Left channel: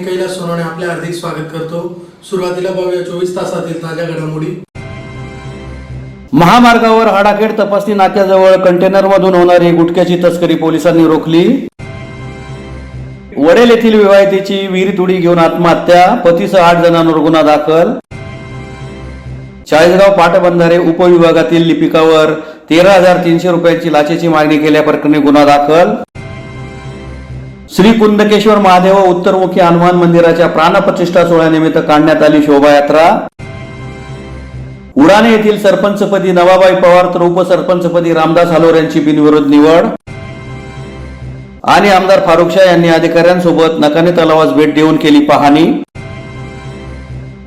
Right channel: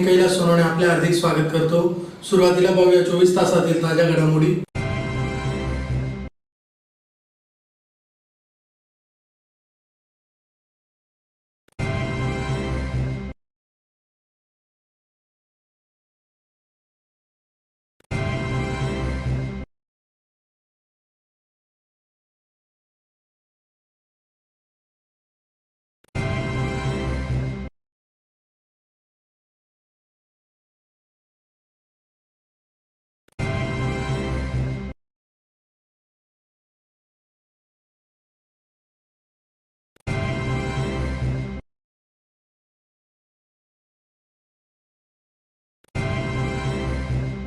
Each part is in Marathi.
कैलास सोनवणे आपले हार्दिक स्वागत करतो। सुरुवातीला पाहूया 24 तासातील ताज्या घडामोडी। महामार्गावर हाडाखेड तपासणी नाक्याजवळ कंटेनरमधून होणारी गुटख्याची तस्करी पोलिसांनी रोखली। वडेल येथील विवाहितेची विहिरीत उडी घेऊन आत्महत्या, पतीसह 8 जणांवर गुन्हा दाखल। चाळीसगाव पाटबंधारे उपविभागातील लिपिकावर 13,300 रुपयांची लाचेची मागणी केल्याप्रकरणी गुन्हा दाखल। श्री कुंदकेश्वर महादेव उत्तरमुखी हनुमान मंदिराच्या प्राणप्रतिष्ठा सोहळ्यानिमित्त काढण्यात आली शोभायात्रा। उडाणे येथील सरपंचपदी नवाबाई पवार तर उपसरपंचपदी रामदास हालोर यांची बिनविरोध निवड। आणि आमदार फारुख शाह यांनी अधिकाऱ्यांसोबत नकाने तलावास भेट देऊन केली पाहणी।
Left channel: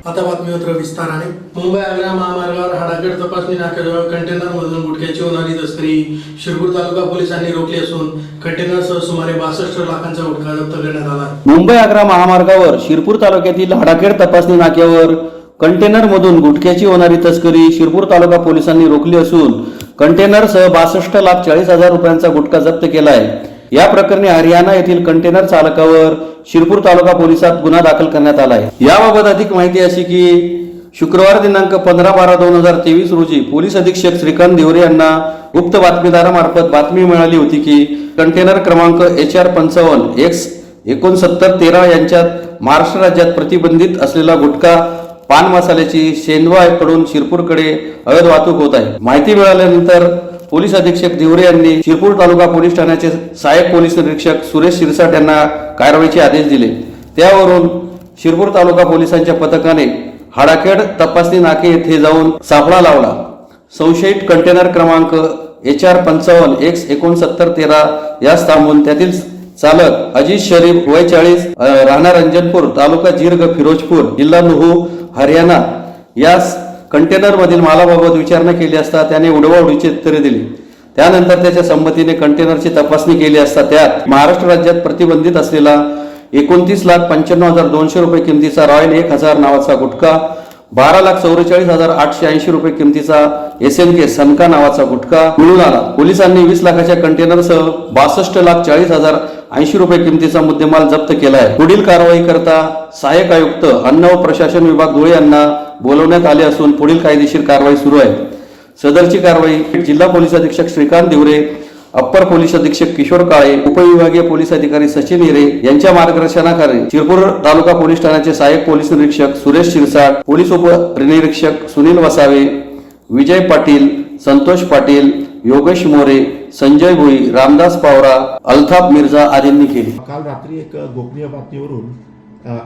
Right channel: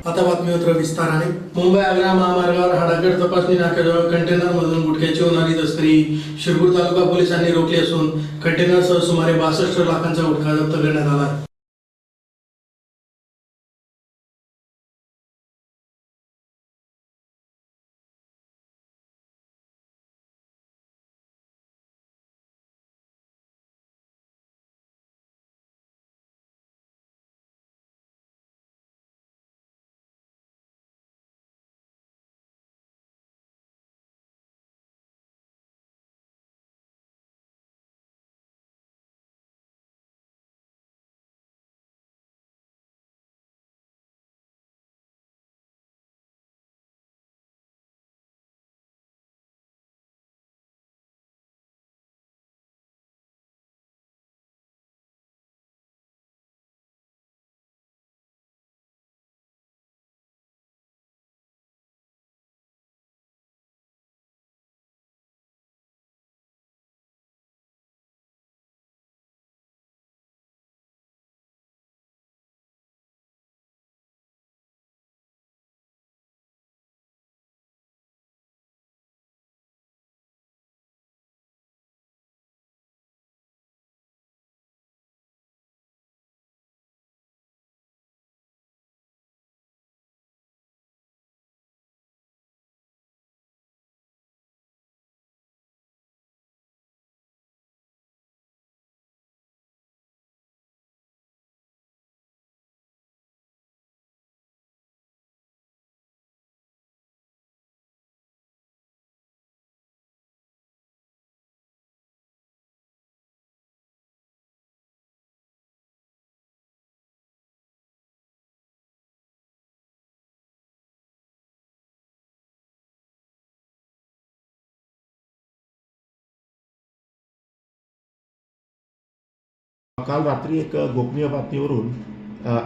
आता बातमीपत्र विस्ताराने। मुंबई आग्रा महामार्गावर हाडाखेड तपासणी नाक्याजवळ कंटेनरमधून गुटख्याची होणारी तस्करी शिरपूर तालुका पोलिसांनी रोखली असून कंटेनरसह सुमारे 62 लाखांचा गुटखा जप्त करण्यात आला। मुंबई आग्रा महामार्गावर शिरपूर तालुक्यातील हाडाखेड तपासणी नाक्यावर कंटेनरमधून गुटख्याची होणारी तस्करी शिरपूर तालुका पोलिसांनी रोखली असून कंटेनरसह 62,40,000 रुपयांचा गुटखा जप्त केला आहे। या प्रकरणी हरियाणा येथील कंटेनर चालकावर शिरपूर तालुका पोलिसात गुन्हा दाखल करण्यात आला आहे। याबाबत अधिक माहिती अशी की शुक्रवार दिनांक 15/12/2023 रोजी पोलीस अधीक्षक श्रीकांत दिवरे यांना गुप्त बातमीदारामार्फत बातमी मिळाली होती की कंटेनर क्रमांक HR 55X6913 यांच्यात महाराष्ट्र राज्यात प्रतिबंधित असलेला गुटखा पान मसाल्याची शेंदवाकडून शिरपूरकडे अवैध वाहतूक होत आहे। माहिती मिळाल्यानंतर पोलीस अधीक्षक दिवरे यांनी शिरपूर तालुका पोलीस ठाण्याचे सहाय्यक पोलीस निरीक्षक सुरेश शिरसाट यांना कारवाईचे आदेश दिले। त्यावरून शिरपूर तालुका पोलिसांच्या पथकाने हाडाखेड तपासणी नाके येथे जाऊन सापळा लावला। संशयित कंटेनर क्रमांक HR 55X6913 यास थांबून त्यातील चालक अजीज शरीफ वय 40 राहणार रंजनपूर तालुका जिरग फिरोजपूर जिल्हा नुहू हरियाणा यास कंटेनर मधील मालाबाबत विचारणा केली असता त्याने उडवाउडीची उत्तरे दिली। त्यानंतर त्याच्या संमतीने कंटेनरची तपासणी केली असता त्यात महाराष्ट्र राज्यात प्रतिबंधित असलेला 29,95,200 रुपये किमतीचा रॉयल 1000 नावाचा गुटखा, 12,44,880 रुपये किमतीचा SNK सनका नावाचा गुटखा मिळून आला। पोलिसांनी 20 लाखाच्या कंटेनरसह 62,40,080 रुपये किमतीचा मुद्देमाल जप्त केला आहे। पुढील कारवाई करता सहाय्यक आयुक्त अन्न व प्रशासन विभाग धुळे यांना बोलवण्यात आले असून पुढील कायदेशीर कारवाई सुरू आहे। सदरची कारवाई जिल्हा पोलीस अधीक्षक श्रीकांत दिवरे, अप्पर पोलीस अधीक्षक किशोर काळे, उपविभागीय पोलीस अधिकारी सचिन हिरे यांच्या मार्गदर्शनाखाली शिरपूर तालुका पोलीस ठाण्याचे सहाय्यक पोलीस निरीक्षक सुरेश शिरसाट, पोलीस उपनिरीक्षक सुनील वसावे, विजय पाटील, संतोष पाटील, योगेश मोरे, संजय भुई, रामदास पावरा, अल्ताफ मिर्झा आदींनी केली। काल रात्री एक गोपनीय बातमीवरून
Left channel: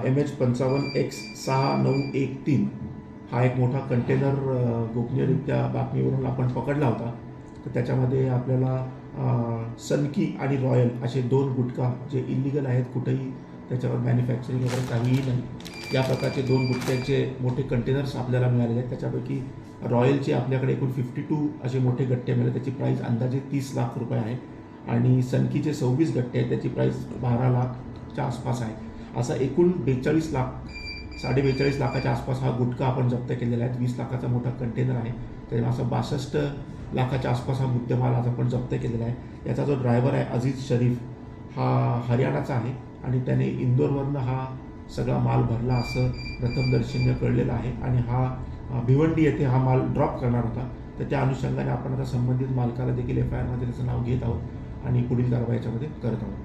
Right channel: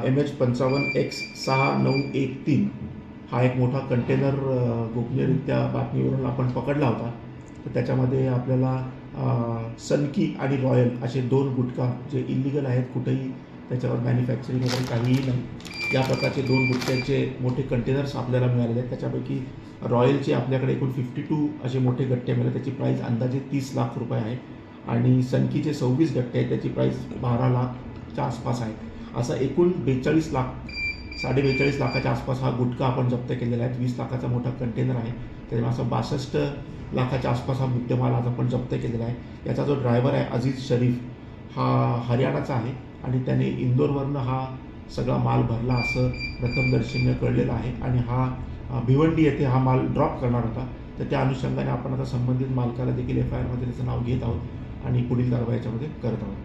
MH 55X6913 हा एक मोठा कंटेनर गोपनीयरित्या बातमीवरून आपण पकडला होता। तर त्याच्यामध्ये आपल्याला सनकी आणि रॉयल असे 2 गुटखा जे इलिगल आहेत, कुठेही त्याच्यावर मॅन्युफॅक्चरिंग वगैरे काहीही नाही, या प्रकारचे 2 गुटख्याचे मोठे कंटेनर्स आपल्याला मिळालेले आहेत। त्याच्यापैकी रॉयलचे आपल्याकडे एकूण 52 असे मोठे गट्टे मिळाले, त्याची प्राईस अंदाजे 30 लाख रुपये आहे। आणि सनकीचे 26 गट्टे आहेत, त्याची प्राईस 12 लाखच्या आसपास आहे। असा एकूण 42 लाख 42.5 लाखाच्या आसपास हा गुटखा आपण जप्त केलेला आहे। 20 लाखाचा मोठा कंटेनर आहे, त्यामुळे असं 62 लाखाच्या आसपास हा मुद्देमाल आज आपण जप्त केलेला आहे। याचा जो ड्रायव्हर आहे अजीज शरीफ हा हरियाणाचा आहे आणि त्याने इंदोरवरनं हा सगळा माल भरला असं प्रथमदर्शनीय कळलेलं आहे आणि हा भिवंडी येथे हा माल ड्रॉप करणार होता। तर त्या अनुषंगाने आपण आता संबंधित मालकाला देखील FIR मध्ये त्याचं नाव घेत आहोत आणि पुढील कारवाई याच्यामध्ये करत आहोत।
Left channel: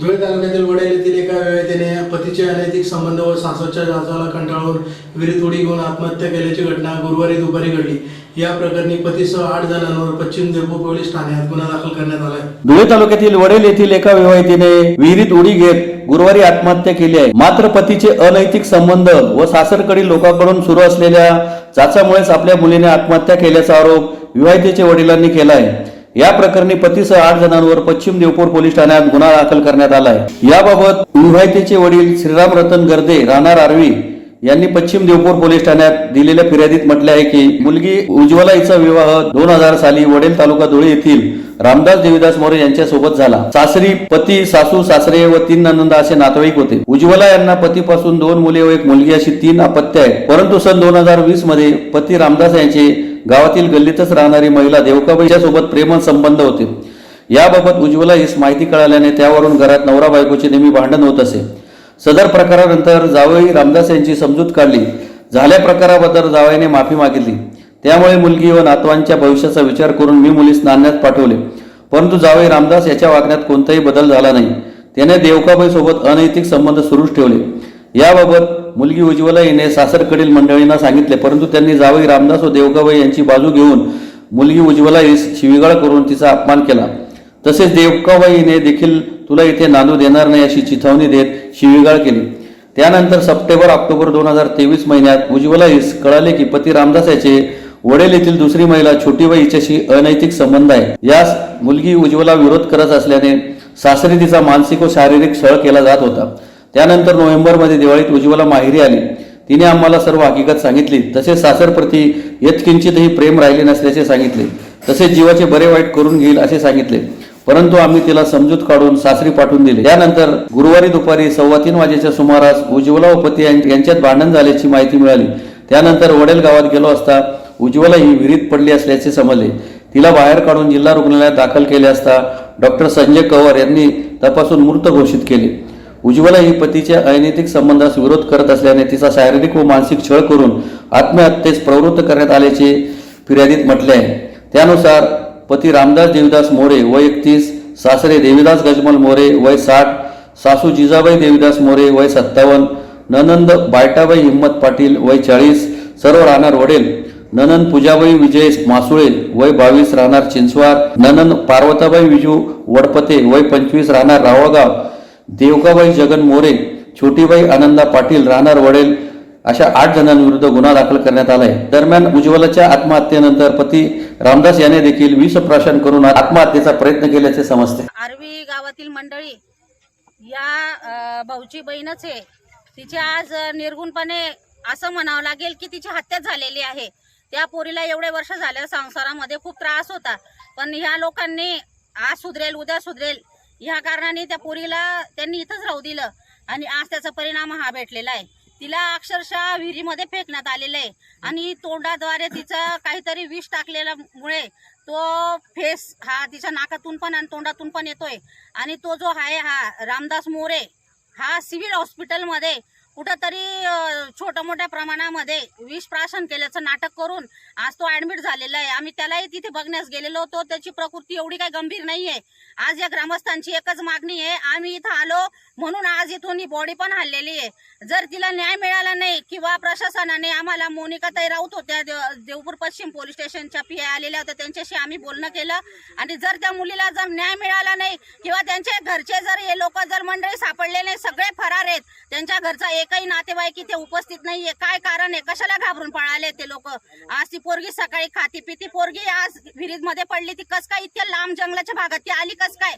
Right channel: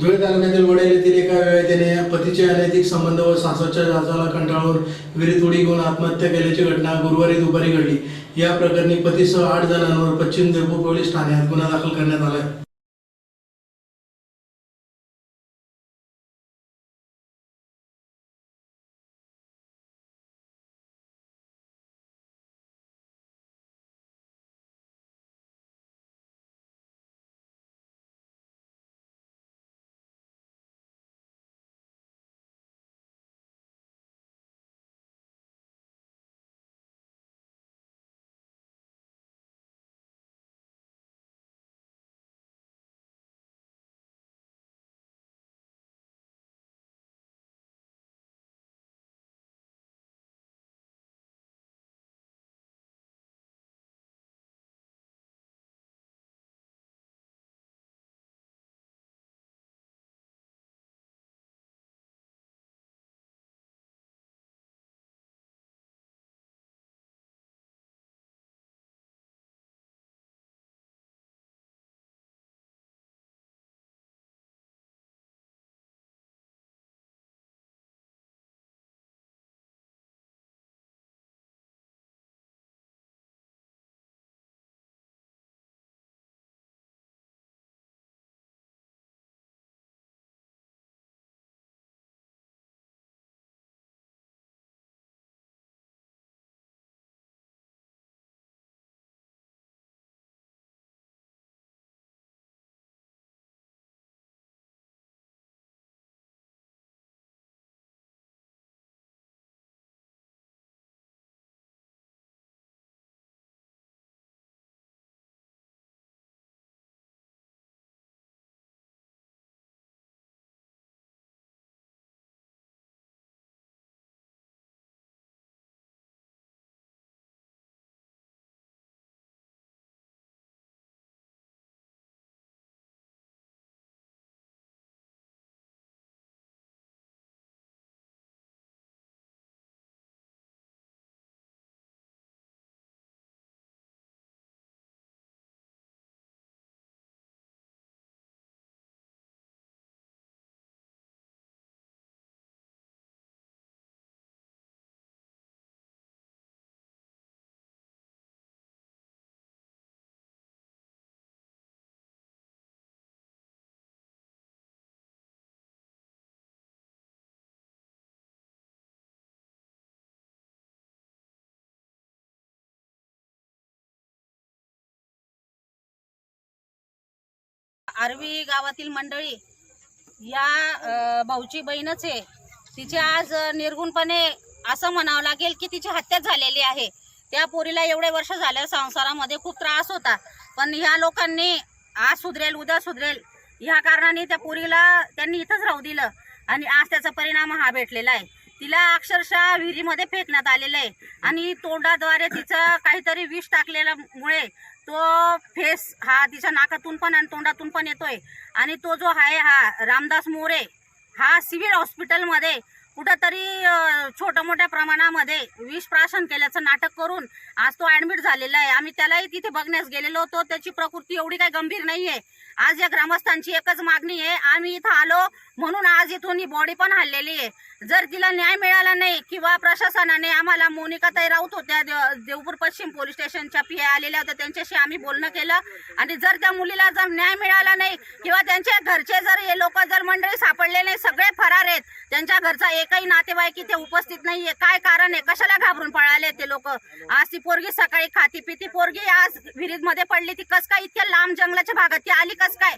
धुळे तालुक्यातील वडेल येथील एका विवाहितेने पतीचे अनैतिक संबंध व सासरच्या जाचाला कंटाळून विहिरीत उडी घेऊन आत्महत्या केल्याची घटना गुरुवारी दुपारी घडली। या प्रकरणी पतीसह 8 जणांवर पश्चिम देवपूर पोलीस ठाण्यात गुन्हा दाखल करण्यात आला आहे। धुळे तालुक्यातील वडेल येथील एका विवाहितेने विहिरीत उडी घेत गुरुवारी आत्महत्या केली आहे। मात्र पतीचे अनैतिक संबंध व सासरकडील लोकांकडून सुरू असलेल्या जाचामुळेच आपल्या मुलीने आत्महत्या केल्याचा आरोप विवाहितेच्या वडिलांनी केला आहे। या प्रकरणी पतीसह 8 जणांवर पश्चिम देवपूर पोलीस ठाण्यात गुन्हा दाखल करण्यात आला आहे। याबाबत विवाहितेचे वडील श्रीराम रतन गर्दे राहणार आर्वी यांनी पश्चिम देवपूर पोलीस ठाण्यात दिलेल्या फिर्यादीत म्हटले आहे की मुलगी उज्ज्वला हिचा विवाह 2000 साली वडेल तालुका धुळे येथील रामदास देवीदास मोरे यांच्या सोबत झाला। सासरी पती, सासू, सासरे व 3 नंदा असे नातेवाईक होते। उज्ज्वला यांना पतीपासून 2 मुले व 1 मुलगी अशी 3 अपत्य आहेत। परंतु सन 2020 मध्ये पती रामदास यांचे गावातील गल्लीतच राहणारी महिला देवकाबाईच्या सोबत प्रेम संबंध होते। याबाबत उज्ज्वला हिस माहिती कळाल्याने त्यावरून घरात नवरा बायकोचे नेहमी भांडण होत असे। सदर प्रकारानंतर जावई रामदास यांची समजूत काढली. झाल्या प्रकाराबद्दल जावईने माफी मागितली. त्यामुळे मुलगी व नातवांच्या भविष्याचा विचार करून मी मुलीस नांदण्यात पाठवले. परंतु जावई रामदास याच्या वागण्यात कोणताही बदल झाला नाही. त्याने देवकाबाई सोबत अनैतिक संबंध सुरूच ठेवले. याबाबत मुलगी उज्ज्वला हिने सासरकडील मंडळींना सांगितले, परंतु त्यांनी जावई रामदास व देवकाबाई यांची बाजू घेऊन मुलगी उज्ज्वला हिस शिवीगाळ करून तिचा अपमान केला. तसेच देवकाबाईने देखील तुला इथे नांदू देणार नाही अशी चिथावणी देत शिवीगाळ केली. त्यानंतर सप्टेंबर-ऑक्टोबर 2023 महिन्यात उज्ज्वला हिस कळाले की पती रामदास याचे वडील येथील दुसरी महिला छोटीबाई हिच्याशी अनैतिक संबंध आहे. यास मुलगी उज्ज्वला विरोध करत असल्याने सासरी तिचा मानसिक व शारीरिक छळ केला जात होता. त्यानंतर नोव्हेंबरमध्ये दिवाळीत उज्ज्वला माहेरी आली. तिने आम्हाला सर्व हकीकत सांगितली. तसेच सासरप्रती यत्किंचितही प्रेम राहिले नसल्याचे सांगितले. तसेच जीवाचे बरे वाईट करून घेईल असे सांगितले. परंतु आम्ही तिला समजूत काढून सासरी पाठवून दिले. त्यानंतर गुरुवारी दुपारी 3:15 वाजेच्या सुमारास उज्ज्वला व पती यांच्यात भांडण झाल्याची माहिती मिळाली. त्यानंतर वडेल गावात गेलो असता उज्ज्वला ही विहिरीत पडली असल्याचे समजले. तिला बाहेर काढून जिल्हा रुग्णालयात दाखल केले असता डॉक्टर संजय कवर यांनी तपासून मृत घोषित केले. उज्ज्वला ही पतीच्या अनैतिक संबंधास विरोध करत असल्याने तिचा शारीरिक व मानसिक छळ करून आत्महत्येस प्रवृत्त करण्यात आल्याचे फिर्यादीत म्हटले आहे. त्यानुसार पती रामदास देवीदास मोरे वय 31, सासरे देवीदास गजमल मोरे वय 60, सासू जिजाबाई देवीदास मोरे वय 57, ननंद बायटाबाई हिम्मत पाटील वय 40, सर्व राहणार वडेल, ननंद पूजाबाई विजय मासुळे वय 22 राहणार चिंचवार, ननंद पार्वताबाई विजू वडपते वय 25 राहणार रावळगाव, देवकाबाई जगन मोरे, छोटीबाई आनंदा पाटील राहणार वडेल अशा 8 जणांविरुद्ध गुन्हा दाखल करण्यात आला आहे. दरम्यान उज्ज्वलाच्या आत्महत्येनंतर पती रामदास याने देखील विषप्राशन करून आत्महत्येचा प्रयत्न केल्याचे समजते. आरवी गावातील मंडळी या भाऊची बहीणच आहे. तिचे आज निर्गुणपणे असं म्हणावं लागेल की तिची हत्या झालेली आहे. त्या पोरीला एवढे वर्ष झाल्या संसारामध्ये खूप त्रास होता, पण ह्या लोकांनी आज सुधरेल उद्या सुधरेल ह्या कारणाने त्या पोरीला त्यांनी इथंच राहू दिलं आणि आज त्याचा परिणाम हा भेटलेला आहे. तिला अक्षरशः विहिरीमध्ये फेकण्यात आलेलं आहे आणि तोंडाद्वारे तिचं काहीतरी विष टाकलेल्यामुळे तो फेस हा तिच्या नाकातून पण आणि तोंडातून पण येतोय. आणि तो जो आहे हा रामदास मोरे हा सिव्हिल हॉस्पिटलमध्ये कुठंतरी छोट्या मोठ्या प्रमाणामध्ये विष प्राशन केल्याचं नाटक करून आज तो ऍडमिट झालेला आहे. आम्ही त्यालाही तिथे बघण्यास गेलेलो होतो. त्याची प्रकृती एवढी काही गंभीर नाही आहे. आज या ग्रामस्थांची एकच मागणी आहे, आम्ही इथं आलो म्हणून आज इथून ही बॉडी पण हल्लेली आहे. जर तिला न्याय मिळाला नाही किंवा प्रशासनाने आम्हाला मोनिकाताई राऊत होत्या देवपूर पश्चिम पोलीस स्टेशनच्या PI आलेल्या होत्या, त्यांच्याशी आम्ही बोलणं केलं आणि जर त्या मुलीला जर न्याय मिळाला नाही किंवा त्यांच्या घरचे जर हे लोक जर मंडळी सापडले नाही, सगळे फरार आहेत, त्यांच्या घरचा एकही नातेवाईक इथे उपस्थित नाहीये, काय कारण आहे, कशाला घाबरून पळाले ते लोक. आज ती पोरगी सकाळी खाती पिती पोरगी आज विहिरीमध्ये पडली, ती कस काय इतक्या लांब जंगलाच्या भागात ती आली कस काय?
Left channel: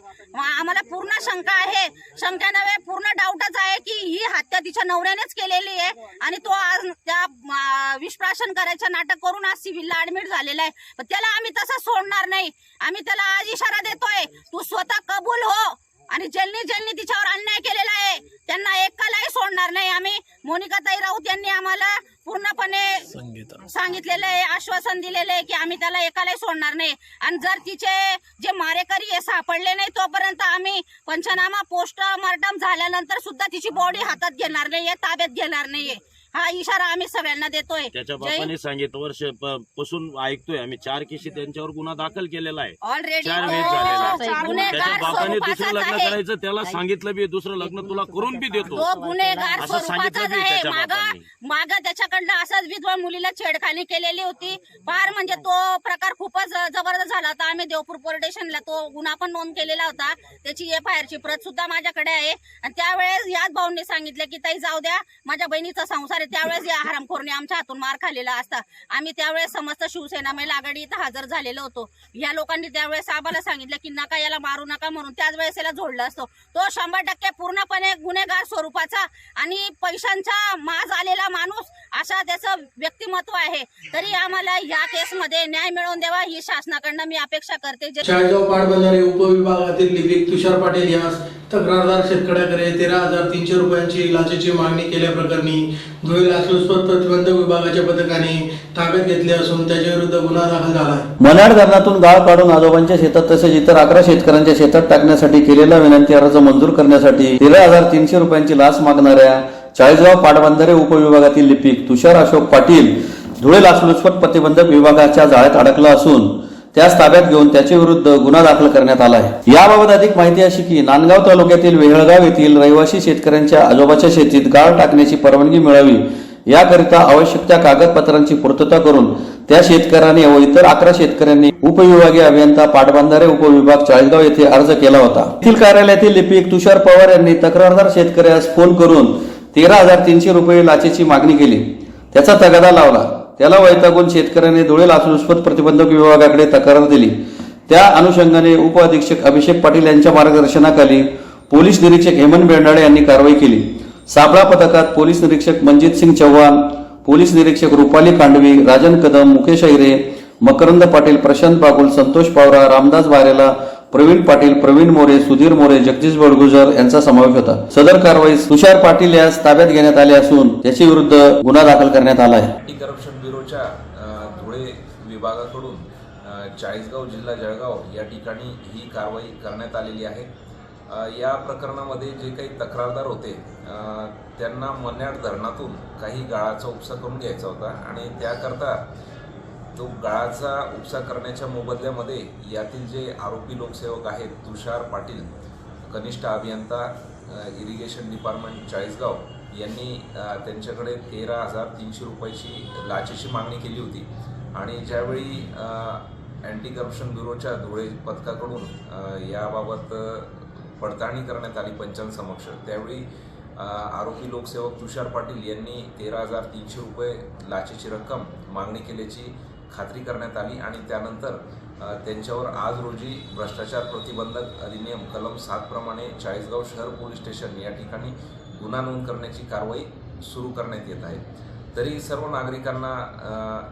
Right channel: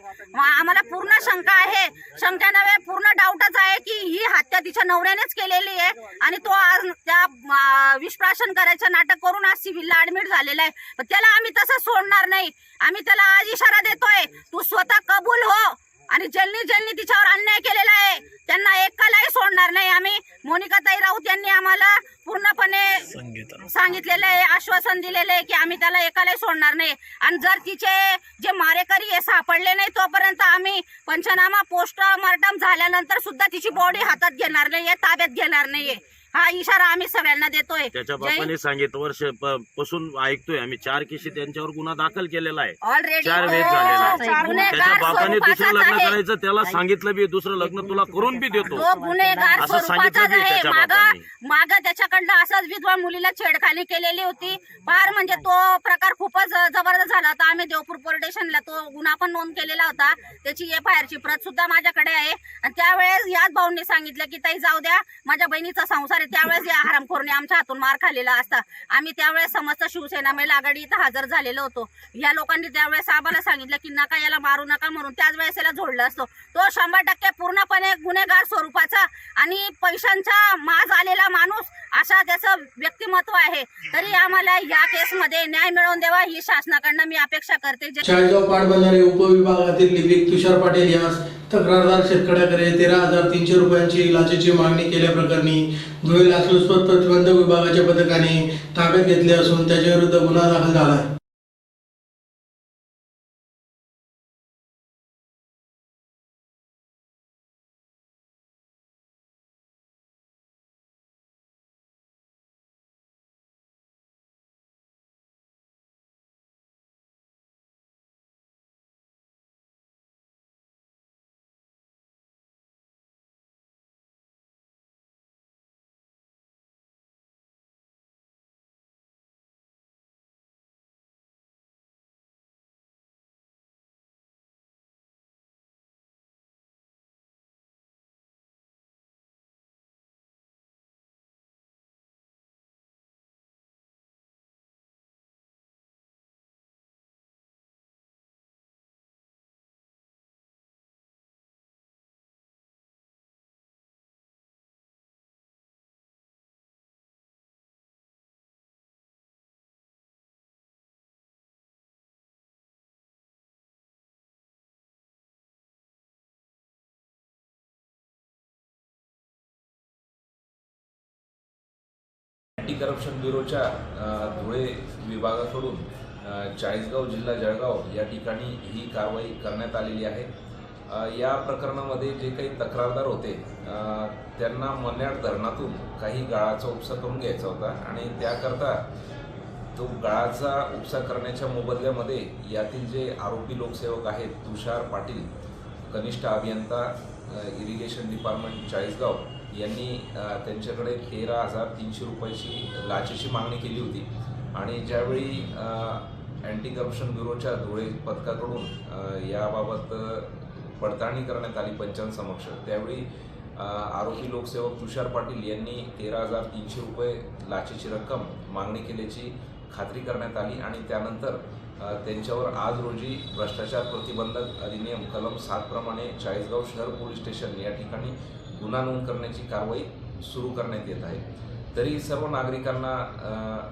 आम्हाला पूर्ण शंका आहे, शंका नव्हे पूर्ण डाऊटच आहे की ही हत्या तिच्या नवऱ्यानेच केलेली आहे आणि तो आज त्या विषप्राशन करायचं नाटक करून आज सिव्हिलला ऍडमिट झालेला आहे. पण त्याला आम्ही तसं सोडणार नाही. आम्ही त्याला आज इशारा देतोय, तू स्वतः कबूल हो आणि ज्यांनी तिच्यावर अन्याय केलेला आहे त्यांना एकालाही सोडणार नाही. आम्ही मोनिकाताई राऊत यांनी आम्हाला पूर्णपणे सांगितलेलं आहे, आश्वासन दिलेलं आहे की आम्ही त्याला एकालाही सोडणार नाही. आणि जर तिचे जे मारेकरी हे सापडले नाही तोपर्यंत आम्ही पंचनामा पोस्टमार्टम झाल्यानंतर सुद्धा तिची बॉडी हातात घेणार नाहीये, ताब्यात घेणार नाहीये. हा इशारा आम्ही सगळ्यांना देतोय. त्याच्या बापाने सांगितलं वर्ष पासून ऐकतोय आम्ही 4 केसी त्यांच्यावर गुन्हा दाखल केलेला आहे. ऑलरेडी 4 वेळेस झालेला आहे. त्याच्या गुन्हेगार बापाने दुसरं स्वरूपाचाच लग्न आहे. करायचं, त्याला सांगितलं बी दुसरं लग्न तुला करून बी देतो, तो गुन्हेगार असं सांगितलं स्वरूपाचाच बी आहे. त्याच्या बापाने. माग त्याच्याकडनं असंच विधवा मुलीला छेडखानी केलेली होती. फार म्हणजे तो प्रकार खूपच जबरदस्त झाला होता. आम्ही देवपूर पोलीस स्टेशनला तो गुन्हा पण नोंद केलेला होता. त्याची FIR ची प्रत सुद्धा माझ्याकडे आहे. आणि त्यावेळेस याच भाऊंनी सांगितलं की ताई जाऊ द्या, माझ्या बहिणीचा संसार आहे. त्यावेळेस या हरामखोरने आमच्या हातून मार खाल्लेला असता. आम्ही त्यावेळेस समस्त शिवसेना महिला आघाडी इथं हजर झालेलो होतो. या लोकांनी त्यावेळेस आम्हाला सांगितलं की नका याला मारू नका म्हणून, त्याच वेळेस याला झोडलं असतो. तो 100% पूर्णपणे गुन्हेगार स्वरूपाचा आणि पैशांचा माज आलेला माणूस असा त्याचं व्यक्तिमत्व आहे. तरी आम्हाला या केसमध्ये न्याय मिळवून द्यावा ही शासनाकडनं मी अपेक्षा करते. चाळीसगाव पाटबंधारे उपविभागातील लिपिक तुषार पाटील यास तक्रारदार शेतकऱ्याकडे 13,300 रुपयांची लाचेची मागणी केल्याप्रकरणी धुळे लाचलुचपत प्रतिबंधक विभागाच्या पथकाने ताब्यात घेतले असून त्याच्याविरुद्ध गुन्हा दाखल झाला आहे. मन्याड धरणातून गाळ काढून आजोबांच्या शेतात तसेच इतर 11 शेतकऱ्यांच्या शेतात टाकण्यासाठी केलेला विनंती अर्ज मंजूर करण्यासाठी 13,300 रुपयांची लाच मागणाऱ्या चाळीसगाव पाटबंधारे उपविभागातील लिपिक तुषार अशोक पाटील धुळे लाचलुचपत प्रतिबंधक विभागाच्या जाळ्यात अडकला असून त्यास ताब्यात घेऊन त्याच्या विरुद्ध गुन्हा दाखल करण्यात आला आहे. याबाबत अधिक माहिती अशी की नांदगाव तालुक्यातील वेहळगाव येथील रहिवासी शेतकऱ्यांच्या आजोबाच्या शेतीत गाळ टाकण्याची परवानगी मिळावी याकरिता आवश्यक त्या कागदपत्रांची पूर्तता करून त्या शेतकऱ्याने व इतर 11 शेतकऱ्यांनी उपविभागीय अभियंता पाटबंधारे उपविभाग चाळीसगाव येथे अर्ज केला होता. येथील कार्यालयातील लिपिक तुषार पवार यांनी तक्रारदार शेतकऱ्यास फोन करून 13,300 रुपये लाचेची मागणी केली. त्याचा तगादा लावला. त्याला वैतागून शेतकऱ्याने धुळे लाचलुचपत प्रतिबंधक विभागाकडे तक्रार दिली. त्या अनुषंगाने उप अधीक्षक अभिषेक पाटील यांच्या मार्गदर्शनाखाली पोलीस निरीक्षक हेमंत बेंडाळे यांनी कारवाई केली. सापळा पथकात पोलीस निरीक्षक मनजित सिंग चव्हाण, पोलीस निरीक्षक रुपाली कांडवी, राजन कदम, मुकेश ऐरे, मकरंद पाटील, प्रशांत बागुल, संतोष पावरा, रामदास बारेला, प्रवीण पाटील, प्रवीण मोरे, सुधीर मोरे, जगदीश बडगुजर यांचा समावेश होता. सदर कारवाईस तुषार पाटील यास ताब्यात घेण्यात आले असून त्याच्या विरुद्ध गुन्हा दाखल करण्यात आला आहे. अँटी करप्शन ब्युरोच्या धुळे विभागाकडून चाळीसगाव जिल्हा जळगाव या ठिकाणी ही कारवाई करण्यात आलेली आहे. या प्रकरणामध्ये जे काही तक्रारदार होते त्यांना मन्याड धरणातून काही गाळाचा उपसा करून घ्यायचा होता आणि त्याकरता तो गाळाचा उपसा करण्याच्या मोबदल्यामध्ये यातील जे आरोपी लोकसेवक आहेत तुषार पाटील, कनिष्ठ अभियंता इरिगेशन डिपार्टमेंट चाळीसगाव यांनी त्यांच्याकडे 13,300 रुपयाची लाचेची मागणी केली होती. आणि ज्यावेळी अँटी करप्शन ब्युरोच्या धुळे पथकाकडून याबाबत पडताळणी करण्यात आली पंचांसमक्ष, त्यावेळी आरोपी लोकसेवक तुषार पाटील यांनी 13,300 रुपये लाचेची रक्कम मागणी केल्याची खात्री करण्यात आली. आणि त्यानंतर त्यांच्यावर आज रोजी भ्रष्टाचार प्रतिबंधक अधिनियम कलम 7 प्रमाणे चाळीसगाव शहर पोलीस स्टेशन या ठिकाणी गुन्हा नोंद करण्याची कारवाई सुरू करण्यात येत आहे. तरी सर्व नागरिकांना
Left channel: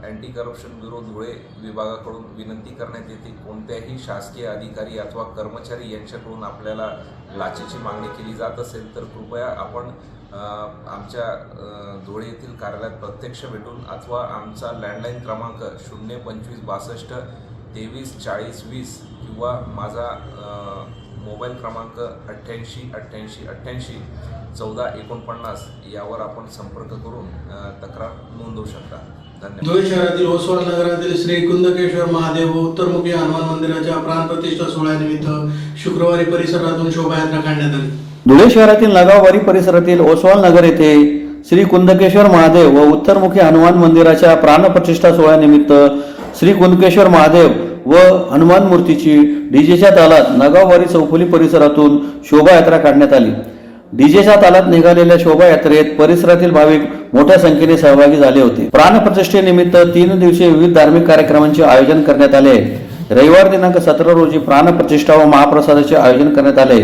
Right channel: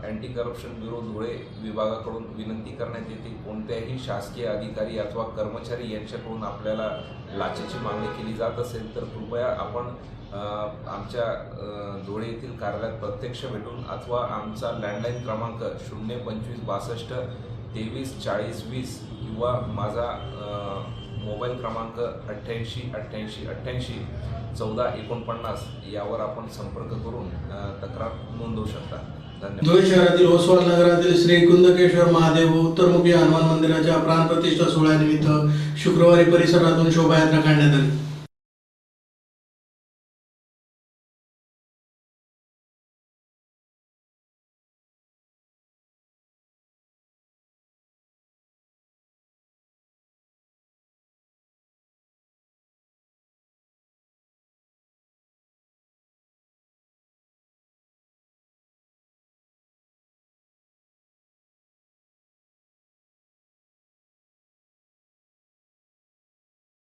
अँटी करप्शन ब्युरो धुळे विभागाकडून विनंती करण्यात येते, कोणत्याही शासकीय अधिकारी अथवा कर्मचारी यांच्याकडून आपल्याला लाचेची मागणी केली जात असेल तर कृपया आपण आमच्या धुळे येथील कार्यालयात प्रत्यक्ष भेटून अथवा आमचा लँडलाईन क्रमांक 02562 234020 किंवा माझा मोबाईल क्रमांक 88 88 88 1449 यावर आपण संपर्क करून तक्रार नोंदवू शकता. धन्यवाद. धुळे शहरातील ओसवाल नगरातील श्री कुंदकेश्वर महादेव व उत्तरमुखी हनुमान मंदिराच्या प्राणप्रतिष्ठा सोहळ्यानिमित्त शुक्रवारी परिसरातून शोभायात्रा काढण्यात आली. धुळे शहरातील नगाववाडी परिसरातील ओसवाल नगर येथे श्री कुंदकेश्वर महादेव व उत्तरमुखी हनुमान मंदिराच्या प्राणप्रतिष्ठा सोहळ्यानिमित्त श्री कुंदकेश्वर महादेव व हनुमान मूर्तीची डीजेच्या तालात नगाववाडी चौफुली परिसरातून शोभायात्रा काढण्यात आली. डीजेच्या तालात निघालेल्या शोभायात्रेत परिसरातील भाविक मोठ्या संख्येने सहभागी झाले होते. प्राणप्रतिष्ठेनिमित्त 3 दिवसीय विविध धार्मिक कार्यक्रमांचे आयोजन करण्यात आले. रविवार दिनांक 17 रोजी प्राणप्रतिष्ठा व महाप्रसादाचे आयोजन करण्यात आले.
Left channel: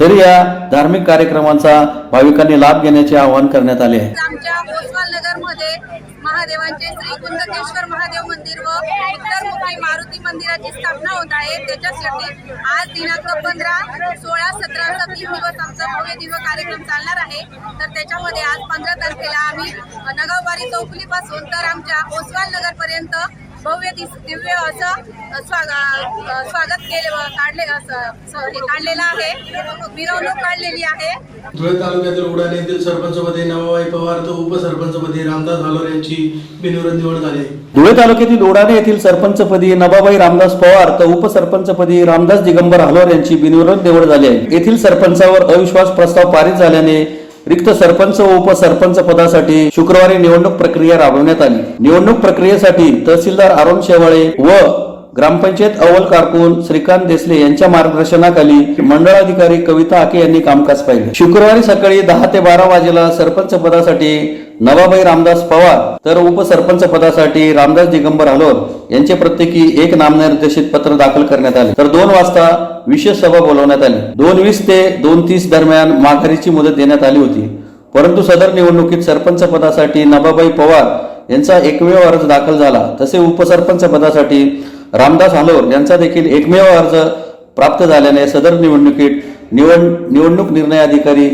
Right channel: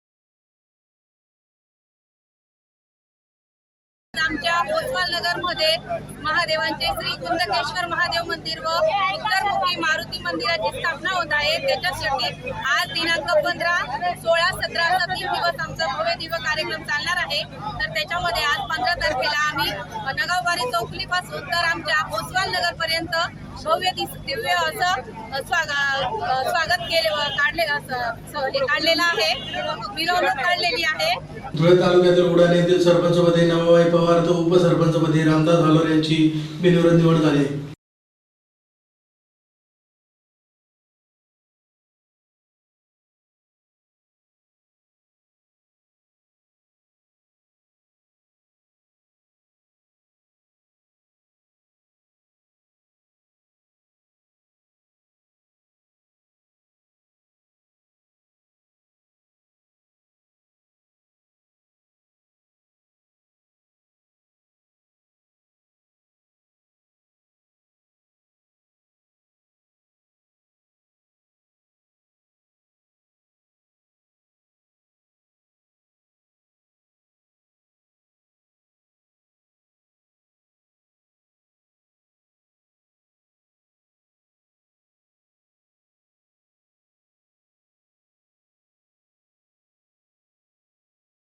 तरी या धार्मिक कार्यक्रमांचा भाविकांनी लाभ घेण्याचे आवाहन करण्यात आले आहे. आमच्या ओसवाल नगर मध्ये महादेवांचे श्री कुंदकेश्वर महादेव मंदिर व उत्तरमुखी मारुती मंदिराची स्थापना होत आहे. त्याच्यासाठी आज दिनांक 15, 16, 17 असा 3 दिवस आमचा भव्य दिव्य कार्यक्रम चालणार आहे. तर त्याच्यामध्ये आज 15 तारखेला आम्ही नगाववाडी चौफुली पासून तर आमच्या ओसवाल नगर पर्यंत भव्य दिव्य असं स्वागत काढलेलं आहे. मिरवणूक काढलेली आहे. धुळे तालुक्यातील उडाणे येथील सरपंचपदी नवाबाई पवार तर उपसरपंचपदी रामदास हालोर यांची बिनविरोध निवड झाली. धुळे तालुक्यातील उडाणे येथील सरपंचपदी नवाबाई रामदास पवार तर उपसरपंचपदी रामदास दिगंबर हालोर यांची बिनविरोध निवड झाली आहे. येथील सरपंचावर अविश्वास प्रस्ताव पारित झाल्याने रिक्त सरपंच व उपसरपंच पदासाठी शुक्रवारी निवडणूक प्रक्रिया राबवण्यात आली. निवडणूक प्रक्रियेसाठी तहसीलदार अरुण शेवाळे व ग्रामपंचायत अव्वल कारकून श्रीकांत देसले यांच्या मार्गदर्शनाखाली मंडळाधिकारी कविता आके यांनी कामकाज पाहिले. शुक्रवारी सकाळी 10 ते 12 वाजेला सरपंच पदासाठी नवाबाई रामदास पवार तर उपसरपंच पदासाठी रामदास दिगंबर हालोर यांचे प्रत्येकी एक नामनिर्देशित पत्र दाखल करण्यात आले. तर 2 वाजता विशेष सभा बोलवण्यात आली. 2:20 ते 2:30 दरम्यान माघारीची मुदत देण्यात आली होती. परंतु सदर निवडणुकीत सरपंच पदासाठी नवाबाई पवार यांचा एकमेव अर्ज दाखल झाला. तसे उपसरपंच पदासाठी रामदास हालोर यांचा देखील एकमेव अर्ज प्राप्त झाल्याने सदर निवडणुकीत निवडणूक निर्णय अधिकारी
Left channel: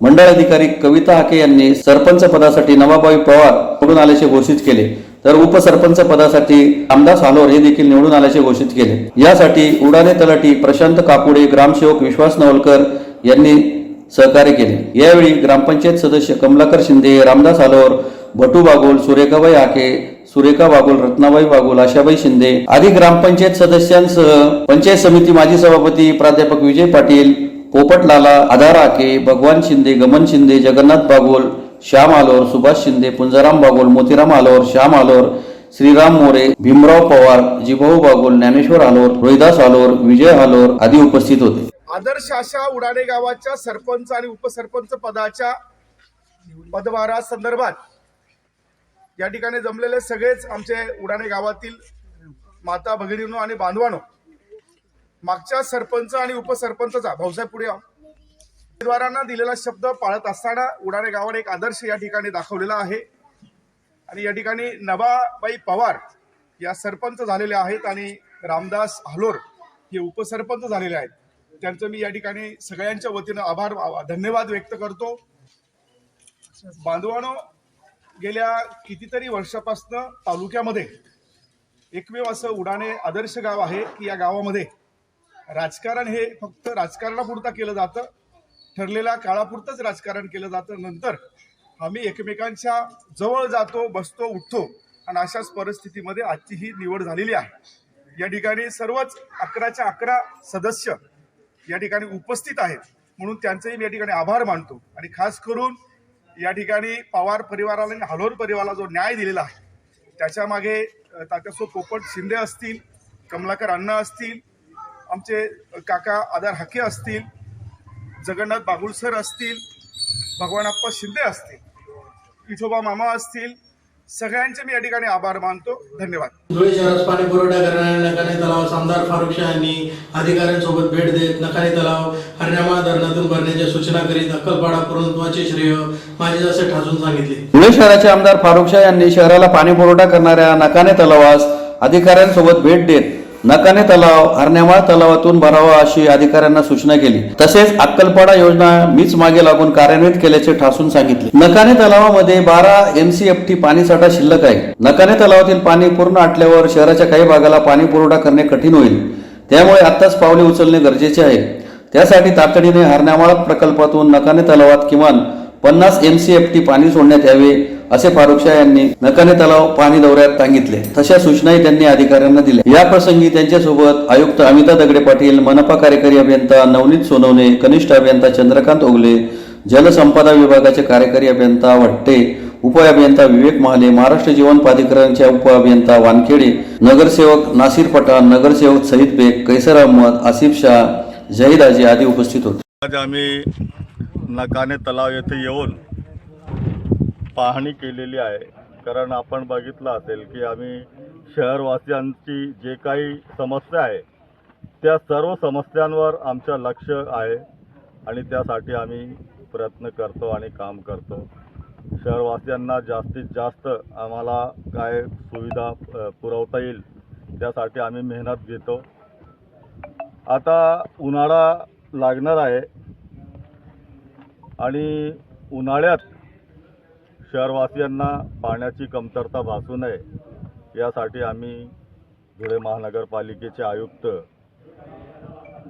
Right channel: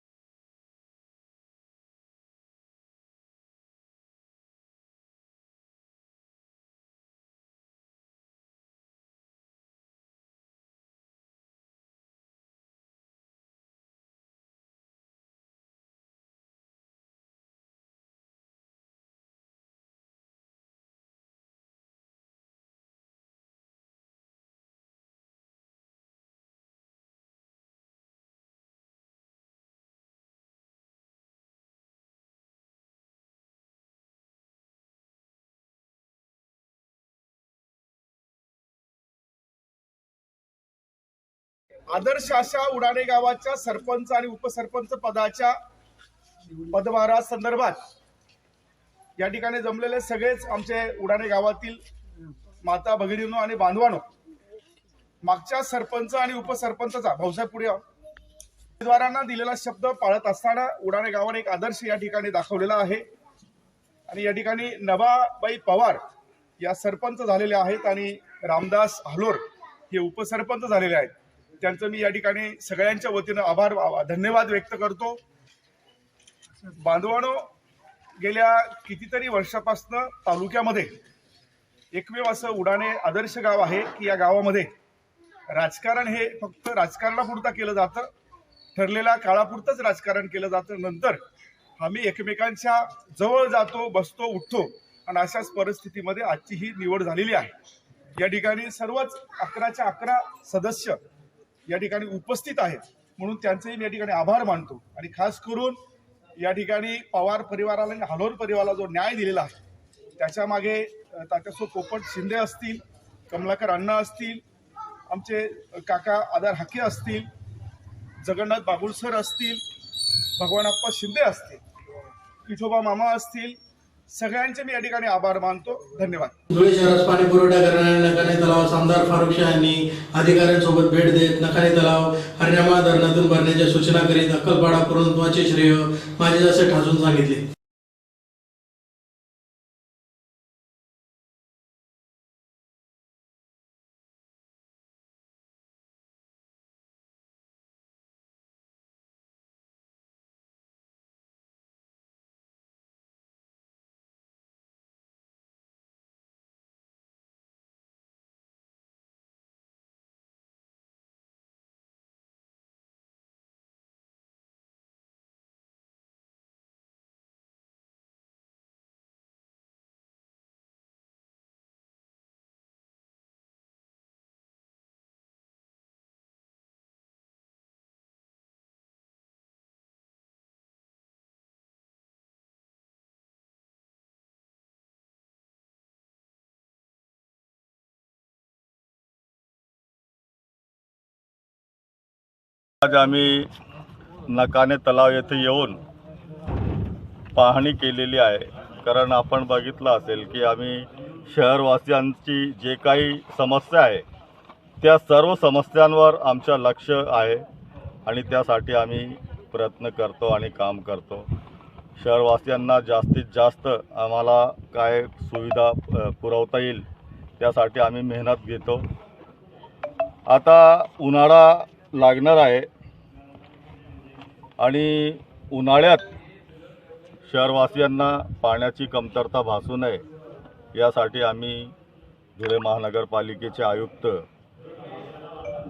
मंडळ अधिकारी कविता हाके यांनी सरपंच पदासाठी नवाबाई पवार निवडून आल्याचे घोषित केले, तर उपसरपंच पदासाठी रामदास हालोर हे देखील निवडून आल्याचे घोषित केले। यासाठी उडाणे तलाठी प्रशांत काकुडे, ग्रामसेवक विश्वास नवलकर यांनी सहकार्य केले। यावेळी ग्रामपंचायत सदस्य कमलाकर शिंदे, रामदास हालोर, भटू बागोल, सुरेखाबाई हाके, सुरेखा बागोल, रत्नाबाई बागोल, आशाबाई शिंदे आदी ग्रामपंचायत सदस्यांसह पंचायत समिती माजी सभापती प्राध्यापक विजय पाटील, पोपट लाला, आधार हाके, भगवान शिंदे, गमन शिंदे, जगन्नाथ बागोल, श्याम हालोर, सुभाष शिंदे, पुंजाराम बागोल, मोतीराम हालोर, श्याम हालोर, श्रीराम मोरे, भीमराव पवार, जिभाऊ बागोल, ज्ञानेश्वर हालोर, रोहिदास हालोर, विजय हालोर आदी उपस्थित होते। आदर्श अशा उडाणे गावाच्या सरपंच आणि उपसरपंच पदाच्या पदभारा संदर्भात या ठिकाणी जमलेले सगळेच आमचे उडाणे गावातील माता भगिनींनो आणि बांधवांनो, मागच्या सरपंच आणि उपसरपंचचा भाऊसाहेब पुढे उमेदवारांना दिलेला शब्द पाळत असताना उडाणे गावाने एक आदर्श या ठिकाणी दाखवलेला आहे। आणि या ठिकाणी नवाबाई पवार या सरपंच झालेल्या आहेत आणि रामदास हालोर हे उपसरपंच झालेले आहेत। त्यांचं मी या ठिकाणी सगळ्यांच्या वतीनं आभार धन्यवाद व्यक्त करतो। बांधवांनो, गेल्या कितीतरी वर्षापासून तालुक्यामध्ये एकमेव असं उडाणे आदर्श गाव आहे की या गावामध्ये राजकारण हे फक्त राजकारणापुरता केलं जातं, ठरलेल्या काळापुरतंच राजकारण केलं जातं। नंतर आम्ही एकमेकांच्या जवळ जातो, बसतो, उठतो आणि अशाच परिस्थितीमध्ये आजची ही निवड झालेली आहे। या ठिकाणी सर्वच 11च्या 11 सदस्य या ठिकाणी उपस्थित आहेत, म्हणून त्यांचेही मी या ठिकाणी आभार मानतो। आणि खास करून या ठिकाणी पवार परिवाराला आणि हालोर परिवाराला जो न्याय दिलेला आहे त्याच्या मागे तात्यासो पोपट शिंदे असतील, कमलाकर अण्णा असतील, आमचे काका आधार हाके असतील, जगन्नाथ बागुल सर असतील, भगवानप्पा शिंदे असतील, विठोबा मामा असतील, सगळ्यांचे मी या ठिकाणी आभार मानतो। धन्यवाद। धुळे शहरास पाणी पुरवठा करणाऱ्या नकाने तलावास आमदार फारुख शाह यांनी अधिकाऱ्यांसोबत भेट देत नकाने तलाव हरण्यामाळ धरणातून भरण्याच्या सूचना करीत अक्कलपाडा पूर्णत्वाचे श्रेय माझे असे ठासून सांगितले। धुळे शहराचे आमदार फारुख शाह यांनी शहराला पाणी पुरवठा करणाऱ्या नकाने तलावास अधिकाऱ्यांसोबत भेट देत नकाने तलाव हरण्यामाळ तलावातून भरावा अशी अधिकाऱ्यांना सूचना केली। तसेच अक्कलपाडा योजना मीच मागे लागून कार्यान्वित केल्याचे ठासून सांगितले। नकाने तलावामध्ये 12 MCFT पाणीसाठा शिल्लक आहे। नकाने तलावातील पाणी पूर्ण आटल्यावर शहराच्या काही भागाला पाणी पुरवठा करणे कठीण होईल, त्यामुळे आत्ताच पावले उचलणे गरजेचे आहे। त्यासाठी तातडीने हरण्यामाळ प्रकल्पातून नकाने तलावात किमान 50 MCFT पाणी सोडण्यात यावे असे फारुख शाह यांनी नकाने तलाव पाणी दौऱ्यात सांगितले। तशा सूचनाही त्यांनी अधिकाऱ्यांना दिल्या। या प्रसंगी त्यांच्यासोबत आयुक्त अमिता दगडे पाटील, मनपा कार्यकारी अभियंता नवनीत सोनवणे, कनिष्ठ अभियंता चंद्रकांत ओगले, जलसंपदा विभागाचे कार्यकारी अभियंता वट्टे, उप अभियंता विवेक महाले, महाराष्ट्र जीवन प्राधिकरणच्या उप अभियंता वानखेडे, नगरसेवक नासिर पठाण, नगरसेवक सईद बेग, कैसर अहमद, आसिफ शाह, जहीद आजी आदी उपस्थित होते। आज आम्ही नकाने तलाव येथे येऊन पाहणी केलेली आहे, कारण आपण बघितलं असेल की आम्ही शहरवासियांची जे काही समस्या आहे त्या सर्व समस्यांवर आमचं लक्ष आहे आणि त्यासाठी आम्ही प्रयत्न करतो आणि काम करतो। शहरवासियांना जास्तीत जास्त आम्हाला काय सुविधा पुरवता येईल त्यासाठी आम्ही मेहनत घेतो। आता उन्हाळा लागणार आहे आणि उन्हाळ्यात शहरवासियांना पाण्याची कमतरता भासू नये यासाठी आम्ही धुळे महानगरपालिकेचे आयुक्त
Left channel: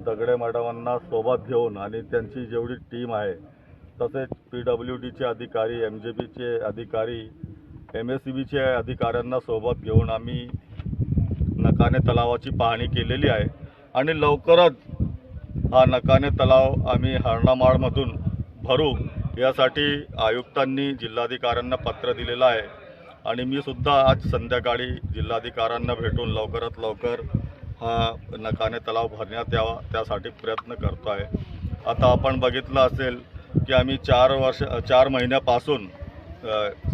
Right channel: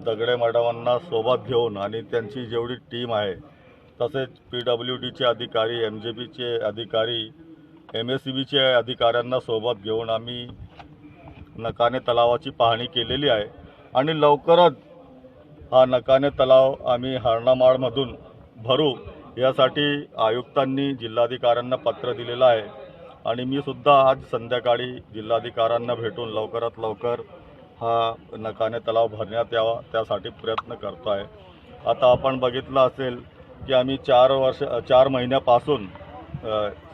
दगडे मॅडमांना सोबत घेऊन आणि त्यांची जेवढी टीम आहे तसेच PWDचे अधिकारी, MJBचे अधिकारी, MSCBचे अधिकाऱ्यांना सोबत घेऊन आम्ही नकाने तलावाची पाहणी केलेली आहे आणि लवकरच हा नकाने तलाव आम्ही हरणामाळमधून भरू यासाठी आयुक्तांनी जिल्हाधिकाऱ्यांना पत्र दिलेलं आहे आणि मी सुद्धा आज संध्याकाळी जिल्हाधिकाऱ्यांना भेटून लवकरात लवकर हा नकाने तलाव भरण्यात यावा त्यासाठी प्रयत्न करतो आहे। आता आपण बघितलं असेल की आम्ही 4 महिन्यापासून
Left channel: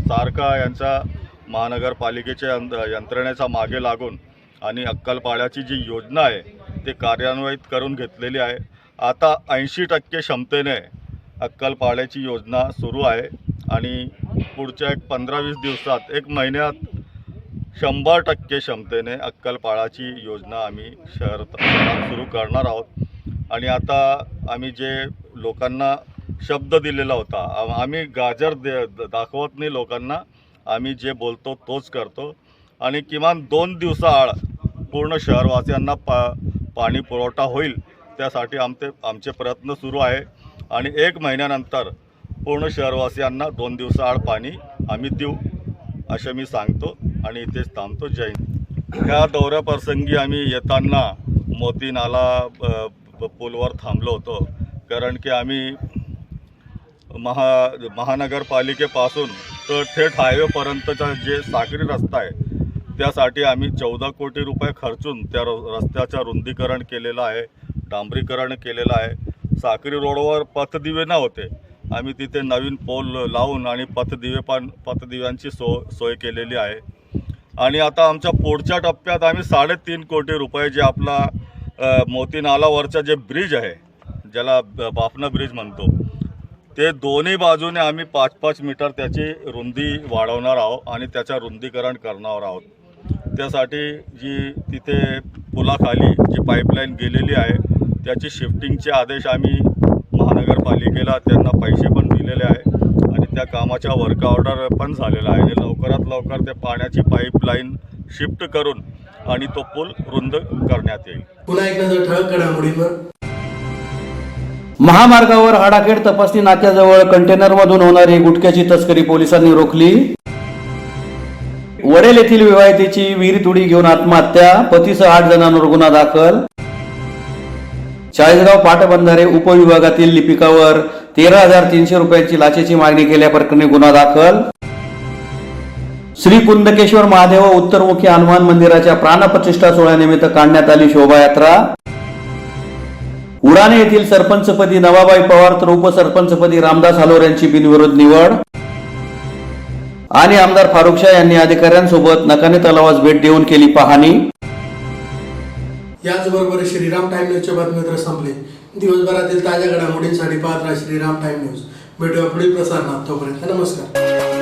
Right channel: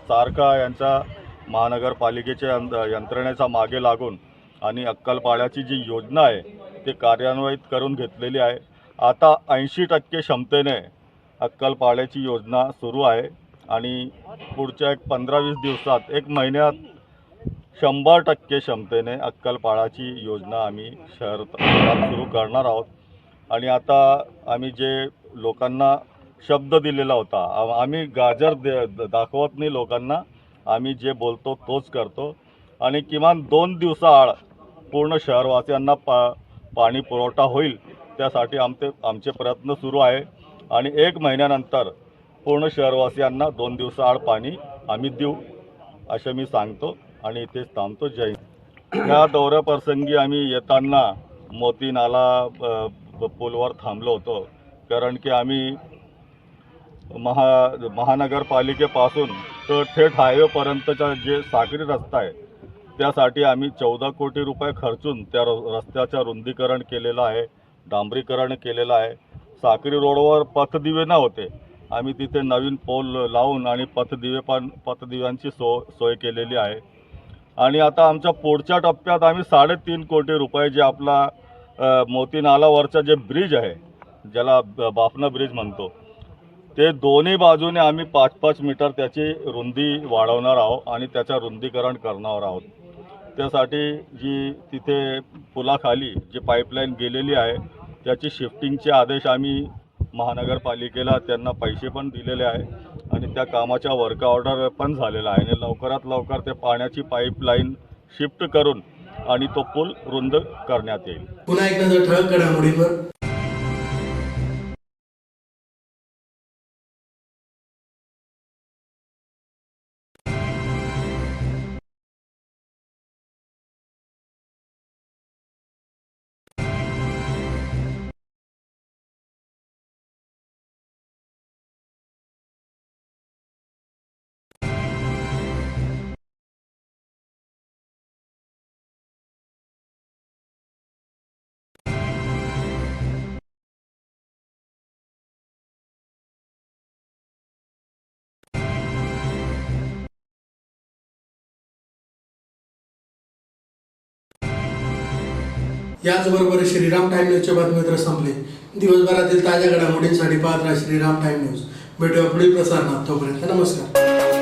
सारखा यांचा महानगरपालिकेच्या यंत्रणेचा मागे लागून आणि अक्कलपाड्याची जी योजना आहे ते कार्यान्वित करून घेतलेली आहे। आता 80% क्षमतेने अक्कलपाड्याची योजना सुरू आहे आणि पुढच्या 15-20 दिवसात 1 महिन्यात 100% क्षमतेने अक्कलपाड्याची योजना आम्ही शहरात सुरू करणार आहोत। आणि आता आम्ही जे लोकांना शब्द दिलेला होता. आम्ही गाजर दाखवत नाही लोकांना, आम्ही जे बोलतो तोच करतो आणि किमान 2 दिवसाआड पूर्ण शहरवासियांना पाणी पुरवठा होईल त्यासाठी आमचे प्रयत्न सुरू आहे आणि 1 महिन्यानंतर पूर्ण शहरवासियांना 2 दिवसाआड पाणी आम्ही देऊ असे मी सांगतो आणि इथेच थांबतो. जय हिंद. या दौऱ्याप्रसंगी आम्ही येताना मोती नाला पूलवर थांबलो होतो कारण की आम्ही महानगरपालिकेपासून तर थेट हायवेपर्यंतचा जे सागरी रस्ता आहे त्यासाठी आम्ही 14 कोटी रुपये खर्चून त्या रस्त्याचं रुंदीकरण केलेलं आहे, डांबरीकरण केलेलं आहे. सागरी रोडवर पथदिवे नव्हते, आम्ही तिथे नवीन पोल लावून आणि पथदिव्यांची सोय केलेली आहे. आणि आता आमच्या पुढच्या टप्प्यात आम्ही 3.5 कोटी रुपये जे आपला मोती नालावरचा जे ब्रिज आहे ज्याला बाफना ब्रिज म्हणतो ते दोन्ही बाजूने आम्ही 5-5 मीटर त्याची रुंदी वाढवणार आहोत आणि त्याचं रुंदीकरण करणार आहोत. त्यासाठी जी तिथे पुलाखाली जी पाईपलाईन गेलेली आहे त्याची शिफ्टिंगचे आदेश आम्ही महानगरपालिकेला त्यांना पैसे पण दिलेले आहे आणि त्या कामाच्या वर्क ऑर्डर पण झालेला आहे आणि लवकरात लवकर ते पाण्याची पाईपलाईन शिफ्ट करून आणि तो पूल रुंद करण्यात येईल. पुन्हा एक नजर ठळक घडामोडींवर. महामार्गावर हाडाखेड तपासणी नाक्याजवळ कंटेनरमधून होणारी गुटख्याची तस्करी पोलिसांनी रोखली. वडेल येथील विवाहितेची विहिरीत उडी घेऊन आत्महत्या, पतीसह 8 जणांवर गुन्हा दाखल. चाळीसगाव पाटबंधारे उपविभागातील लिपिकावर 13,300 रुपयांची लाचेची मागणी केल्याप्रकरणी गुन्हा दाखल. श्री कुंदकेश्वर महादेव उत्तरमुखी हनुमान मंदिराच्या प्राणप्रतिष्ठा सोहळ्यानिमित्त काढण्यात आली शोभायात्रा. उडाणे येथील सरपंचपदी नवाबाई पवार तर उपसरपंचपदी रामदास हालोर यांची बिनविरोध निवड. आणि आमदार फारुख शाह यांनी अधिकाऱ्यांसोबत नकाने तलावास भेट देऊन केली पाहणी. याचबरोबर श्रीराम टाइम न्यूजचे बातमीपत्र संपले. दिवसभरातील ताज्या घडामोडींसाठी पाहत राहा श्रीराम टाइम न्यूज. भेटूया पुढील प्रसारणात. तोपर्यंत नमस्कार.